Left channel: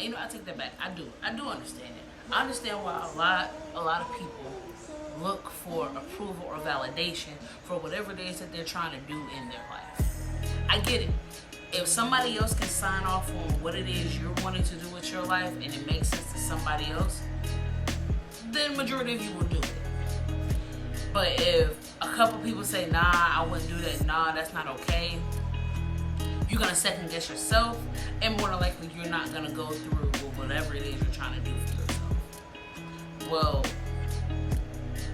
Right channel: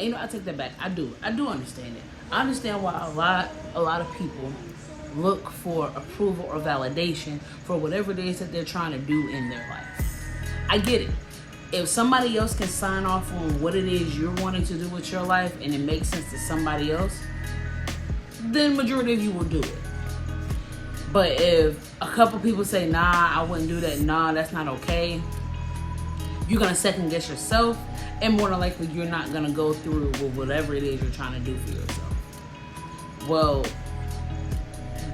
And I take that back. I do understand it. I understand why a lot of people look for approval or validation for whatever it is that they're trying to do in their life. I get it. If somebody else can sign off on what it is you're wanting to do with your life and it makes sense to somebody else, then majority of you will do it. But if a couple people say, nah, I wouldn't do that, nah, that's not okay, you're going to second guess yourself, and more than likely you're not going to go through with whatever it is you're trying to do for yourself. Well,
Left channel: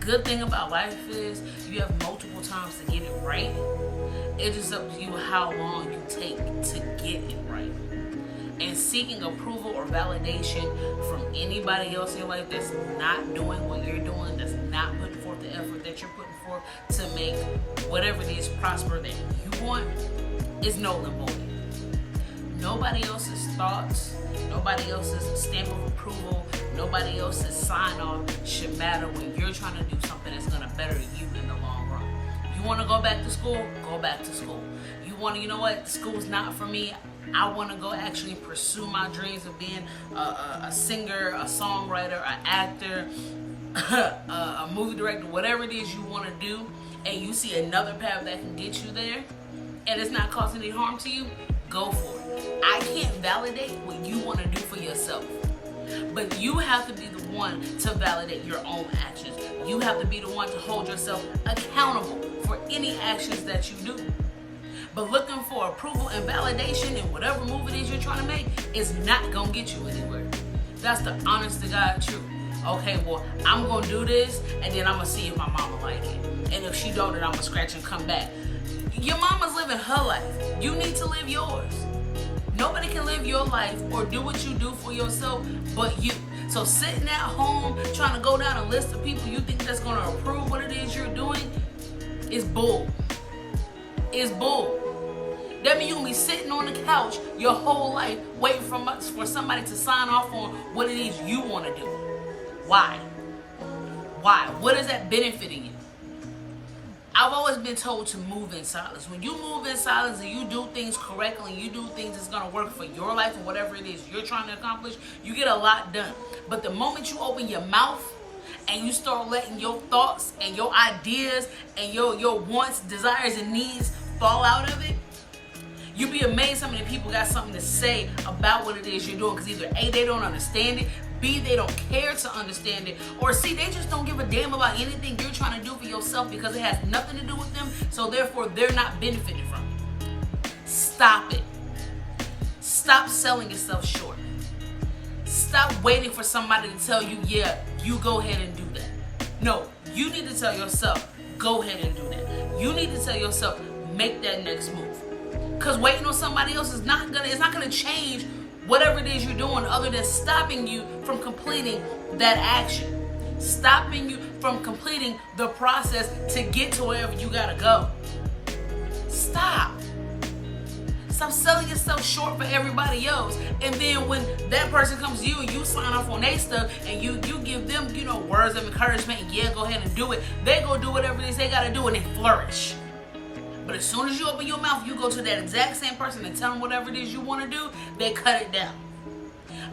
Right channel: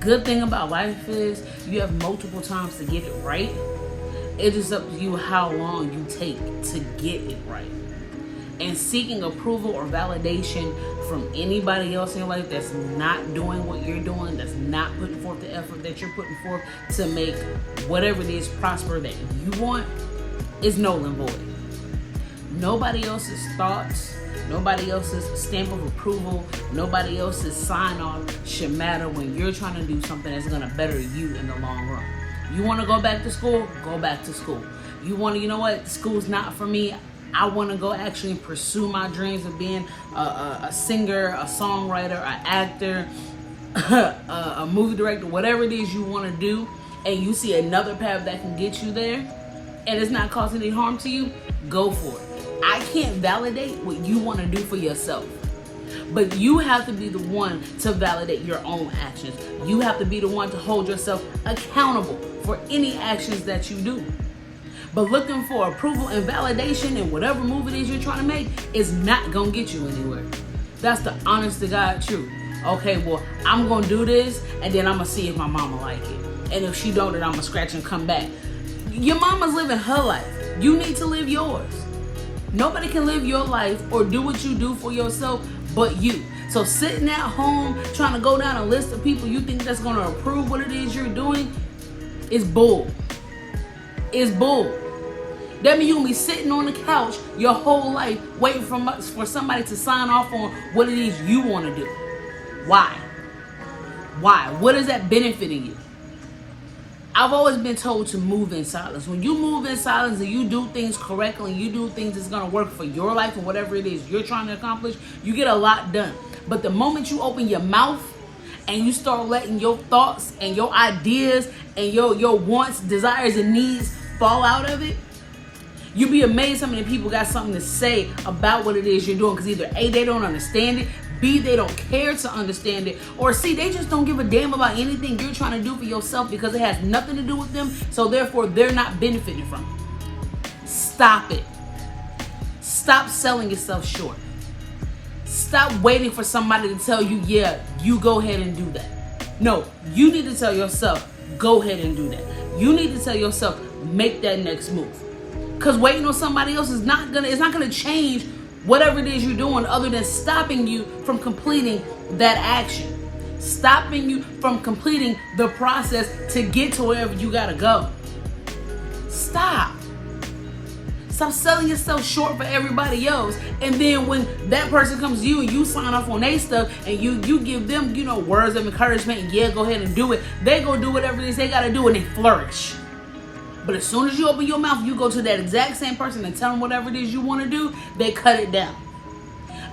good thing about life is you have multiple times to get it right. It is up to you how long you take to get it right. And seeking approval or validation from anybody else in your life that's not doing what you're doing, that's not putting forth the effort that you're putting forth to make whatever it is prosper that you want, is null and void. Nobody else's thoughts, nobody else's stamp of approval, nobody else's sign off should matter when you're trying to do something that's going to better you in the long run. You want to go back to school? Go back to school. You want to, you know what? School's not for me. I want to go actually pursue my dreams of being a singer, a songwriter, an actor, a movie director, whatever it is you want to do, and you see another path that can get you there, and it's not causing any harm to you, go for it. I can't validate what you want to do for yourself. But you have to be the one to validate your own actions. You have to be the one to hold yourself accountable for any actions that you do. But looking for approval and validation in whatever move it is you're trying to make is not going to get you anywhere. That's the honest to God truth. Okay, well, I'm going to do this, and then I'm going to see if my mama like it. And if she don't, then I'm going to scratch and come back. Your mama's living her life. You need to live yours. Nobody can live your life or do what you do for yourself but you. So sitting at home trying to go down a list of people you think that's going to approve what it is you're doing is bull. It's bull. That means you're going to be sitting on the couch your whole life waiting for somebody to sign off on what it is you want to do. Why? Why? What is that benefiting you? I've always been told to move in silence. When you move in silence and you do things correctly, and you do things that's going to work for your life and whatever it is you're trying to accomplish, you get a lot done. But the moment you open your mouth and you start letting your thoughts and your ideas and your wants, desires, and needs fall out of it, you'd be amazed how many people got something to say about what it is you're doing, because either A, they don't understand it, B, they don't care to understand it, or C, they just don't give a damn about anything you're trying to do for yourself because it has nothing to do with them, so therefore they're not benefiting from it. Stop it. Stop selling yourself short. Stop waiting for somebody to tell you, yeah, you go ahead and do that. No, you need to tell yourself, go ahead and do that. You need to tell yourself, make that next move. Because waiting on somebody else is not gonna change whatever it is you're doing, other than stopping you from completing that action. Stopping you from completing the process to get to wherever you gotta go. Stop. Stop selling yourself short for everybody else. And then when that person comes to you and you sign off on their stuff and you give them, words of encouragement and yeah, go ahead and do it, they go do whatever it is they gotta do and they flourish. But as soon as you open your mouth, you go to that exact same person and tell them whatever it is you want to do, they cut it down.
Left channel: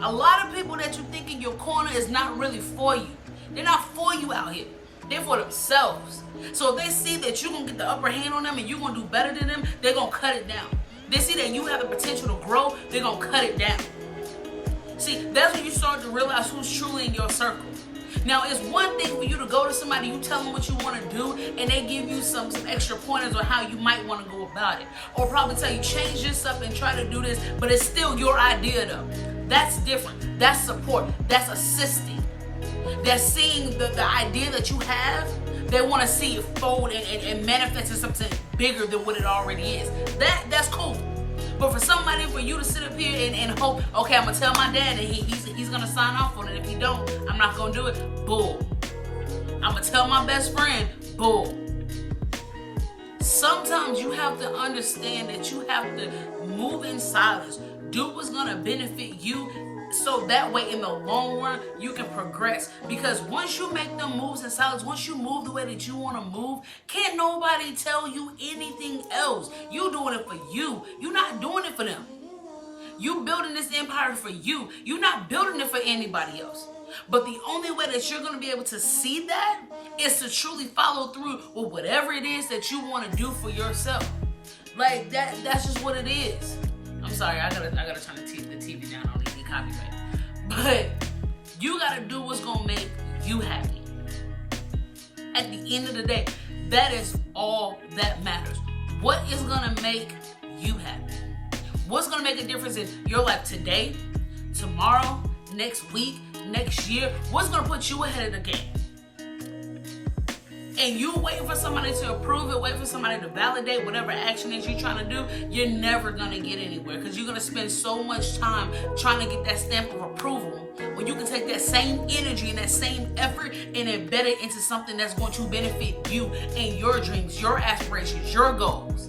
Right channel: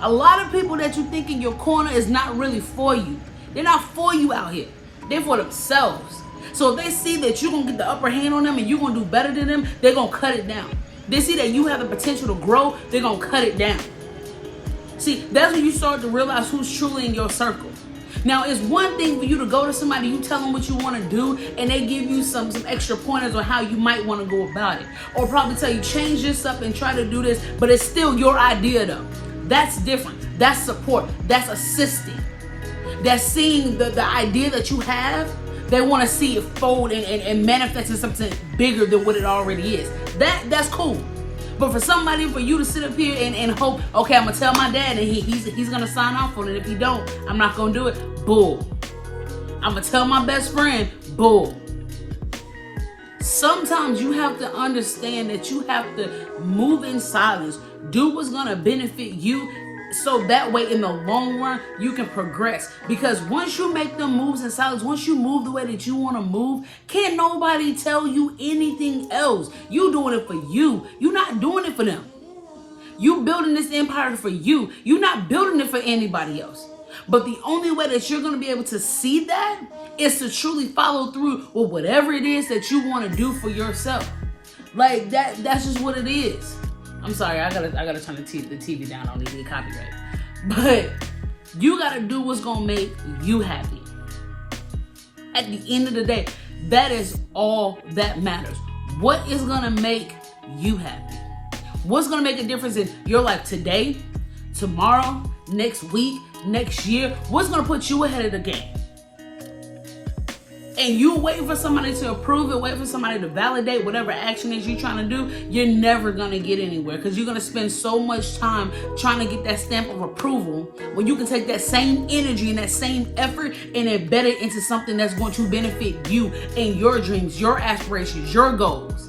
A lot of people that you think in your corner is not really for you. They're not for you out here. They're for themselves. So if they see that you're going to get the upper hand on them and you're going to do better than them, they're going to cut it down. They see that you have the potential to grow, they're going to cut it down. See, that's when you start to realize who's truly in your circle. Now, it's one thing for you to go to somebody, you tell them what you want to do, and they give you some extra pointers on how you might want to go about it. Or probably tell you, change this up and try to do this, but it's still your idea though. That's different. That's support. That's assisting. That's seeing the idea that you have. They want to see it fold and manifest in something bigger than what it already is. That's cool. But for you to sit up here and hope, okay, I'm going to tell my dad and he's going to sign off on it. If he don't, I'm not going to do it. Bull. I'm going to tell my best friend, bull. Sometimes you have to understand that you have to move in silence. Do what's going to benefit you, so that way in the long run you can progress. Because once you make them moves in silence, once you move the way that you want to move, can't nobody tell you anything else. You doing it for you. You're not doing it for them. You building this empire for you. You're not building it for anybody else. But the only way that you're going to be able to see that is to truly follow through with whatever it is that you want to do for yourself. Like that's just what it is. I'm sorry, I gotta turn the TV down. I don't need to get copyright. But you gotta do what's gonna make you happy. At the end of the day, that is all that matters. What is gonna make you happy? What's gonna make a difference in your life today, tomorrow, next week, next year? What's gonna put you ahead of the game? And you wait for somebody to approve it, wait for somebody to validate whatever action is you're trying to do, you're never gonna get anywhere, because you're gonna spend so much time trying to get that stamp of approval when you can take that same energy and that same effort and embed it into something that's going to benefit you and your dreams, your aspirations, your goals.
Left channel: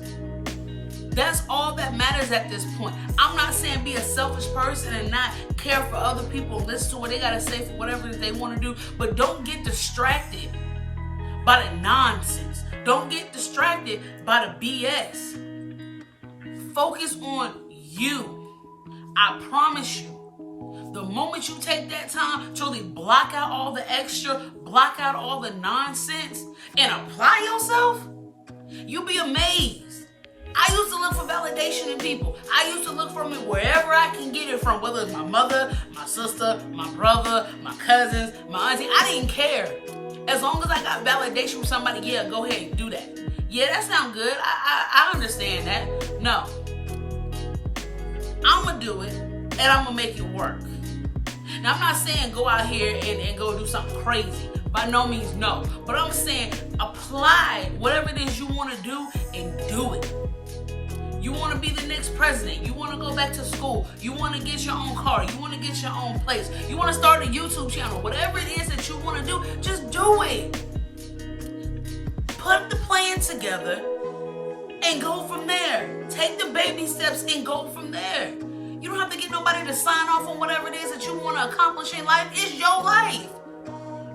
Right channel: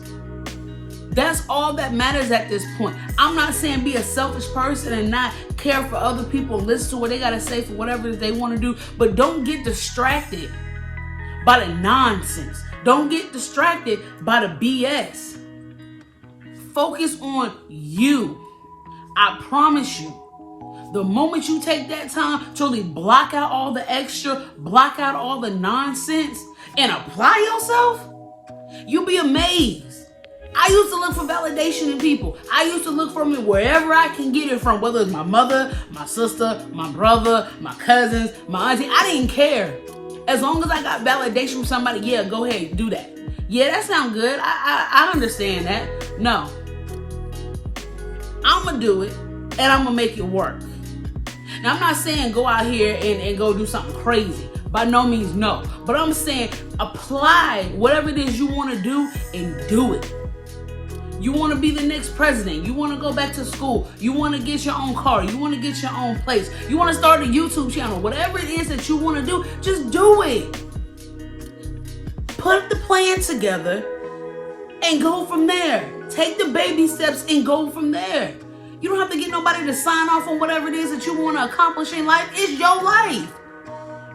That's all that matters at this point. I'm not saying be a selfish person and not care for other people, listen to what they gotta say for whatever they wanna do, but don't get distracted by the nonsense. Don't get distracted by the BS. Focus on you. I promise you, the moment you take that time to really block out all the extra, block out all the nonsense, and apply yourself, you'll be amazed. I used to look for validation in people. I used to look for it wherever I can get it from, whether it's my mother, my sister, my brother, my cousins, my auntie. I didn't care. As long as I got validation from somebody, yeah, go ahead, do that. Yeah, that sounds good. I understand that. No. I'm going to do it, and I'm going to make it work. Now, I'm not saying go out here and go do something crazy. By no means, no. But I'm saying apply whatever it is you want to do and do it. You want to be the next president. You want to go back to school. You want to get your own car. You want to get your own place. You want to start a YouTube channel. Whatever it is that you want to do, just do it. Put the plan together and go from there. Take the baby steps and go from there. You don't have to get nobody to sign off on whatever it is that you want to accomplish in life. It's your life.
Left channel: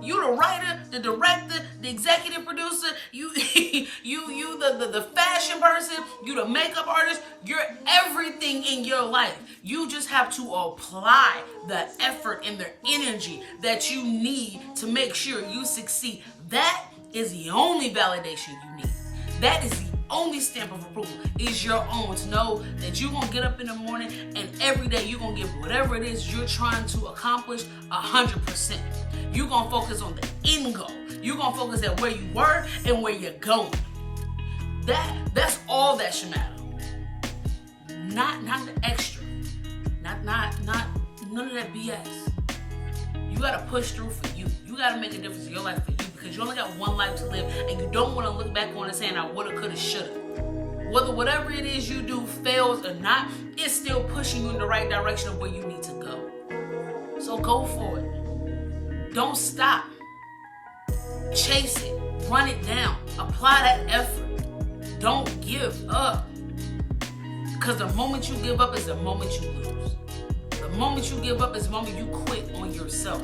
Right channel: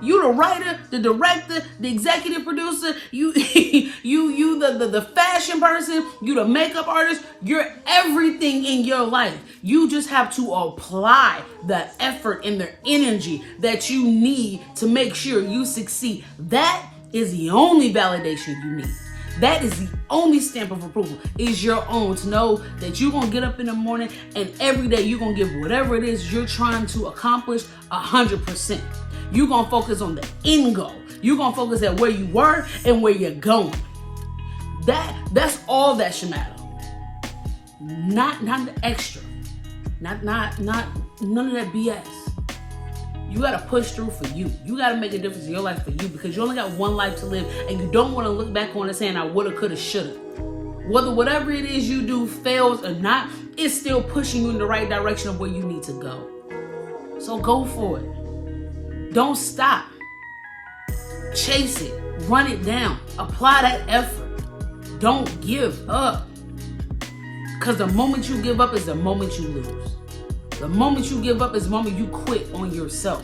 You the writer, the director, the executive producer, you the fashion person, you the makeup artist, you're everything in your life. You just have to apply the effort and the energy that you need to make sure you succeed. That is the only validation you need. That is the only stamp of approval is your own, to know that you're going to get up in the morning and every day you're going to give whatever it is you're trying to accomplish 100%. You're going to focus on the end goal. You're going to focus at where you were and where you're going. That's all that should matter. Not the extra. Not none of that BS. You got to push through for you. You got to make a difference in your life for you, because you only got one life to live, and you don't want to look back on it saying I woulda, coulda, shoulda. Whatever it is you do fails or not, it's still pushing you in the right direction of where you need to go. So go for it. Don't stop. Chase it. Run it down. Apply that effort. Don't give up. Because the moment you give up is the moment you lose. The moment you give up is the moment you quit on yourself.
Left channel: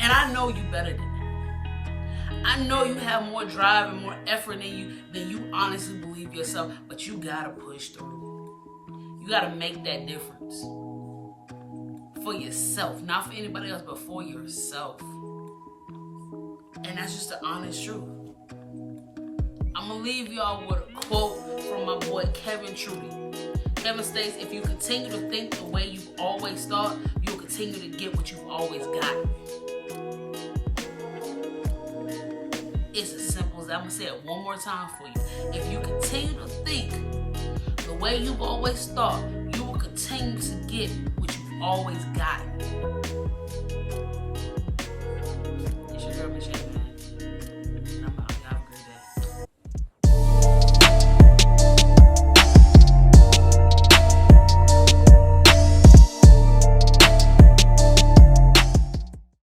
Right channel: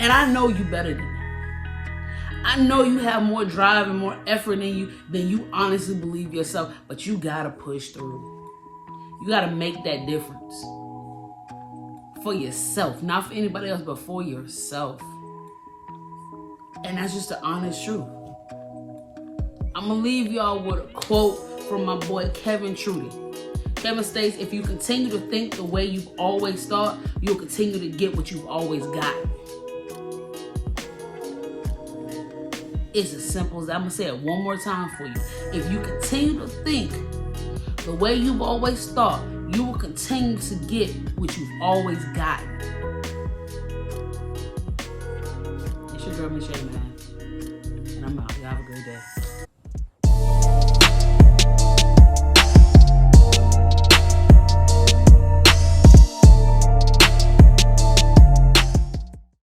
And I know you better than that. I know you have more drive and more effort in you than you honestly believe yourself, but you gotta push through. You gotta make that difference. For yourself, not for anybody else, but for yourself. And that's just the honest truth. I'm gonna leave y'all with a quote from my boy Kevin Trudy. Kevin states, if you continue to think the way you've always thought, you'll continue to get what you've always got. It's as simple as, I'm going to say it one more time for you. If you continue to think the way you've always thought, you will continue to get what you've always gotten. It's your girl, Miche, man. And I'm out. Y'all have a great day.